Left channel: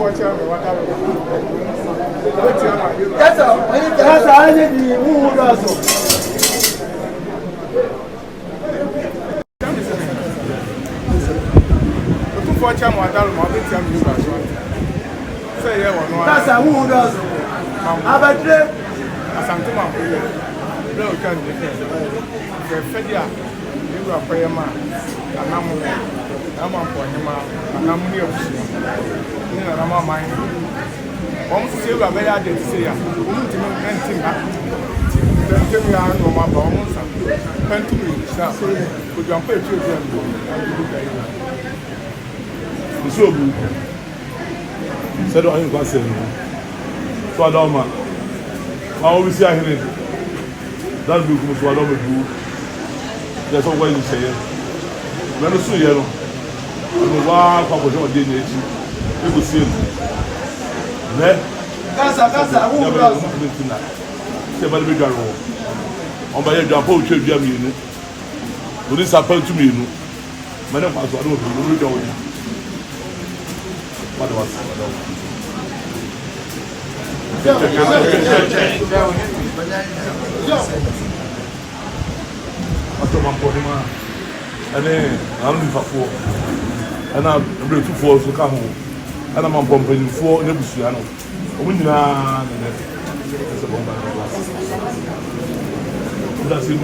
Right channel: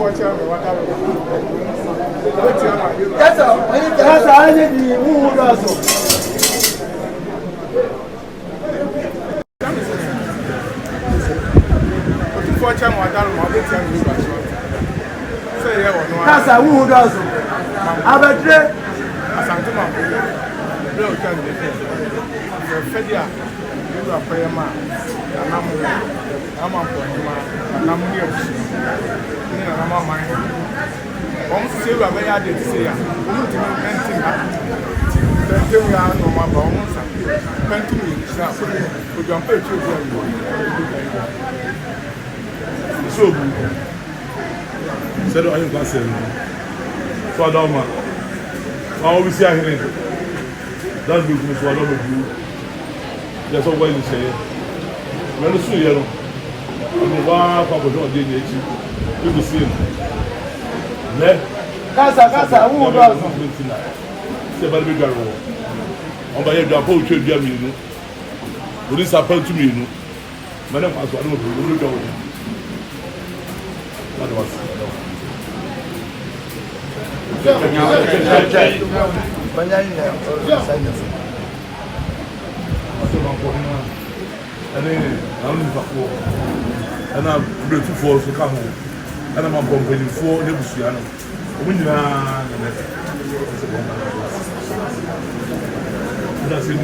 That's I need who does. Watch out, my darling, my big young people. Say, yeah, no, that's a who does. I bet you, as I'm to my real candidate. Fedia, you are prayer man, and I'm on for him, and I'm near to see him. I'm on my almost say, I may add it to see him. Woman to me, and think that. Then tell me, I know my bones and went to me, sir, could jump a few years. So good. Said what I can say. So I don't know. I always say I hear it. That's because I don't do. That's all why you say it. When you see it, I mean, wow, Papa John did it. You could see it. Then, Casa, who does something tonight? Say by the big girl. On by your job, you tell me, you know. But this happened to me, you know. My name was I don't know. What was it? And then I'm for and I'm beautiful to come home. And I'm pumping for Nebusiano. When you are that's it.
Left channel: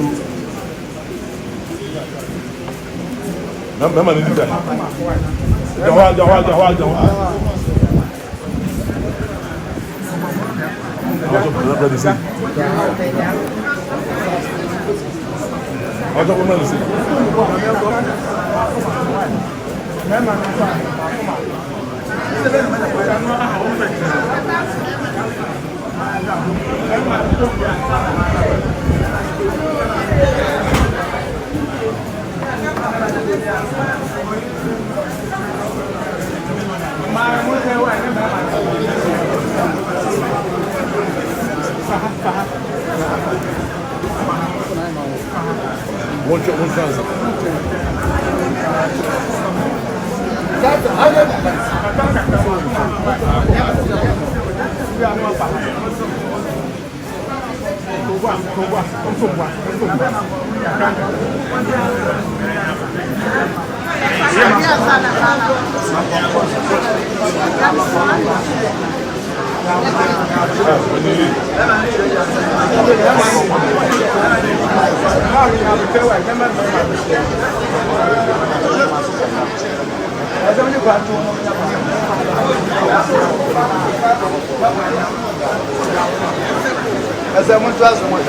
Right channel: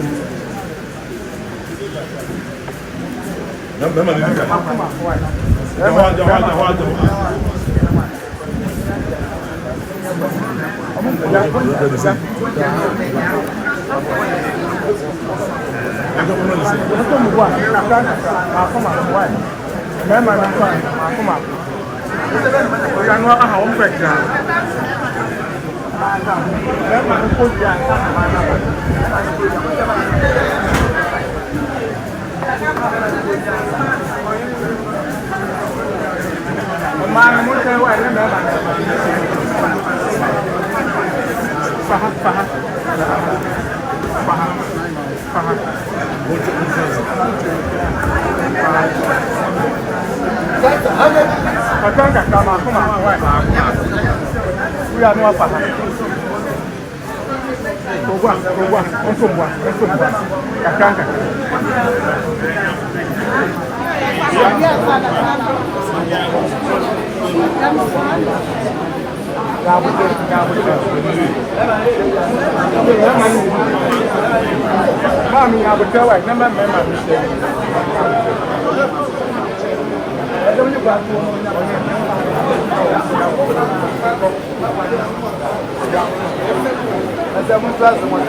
As I want to ask what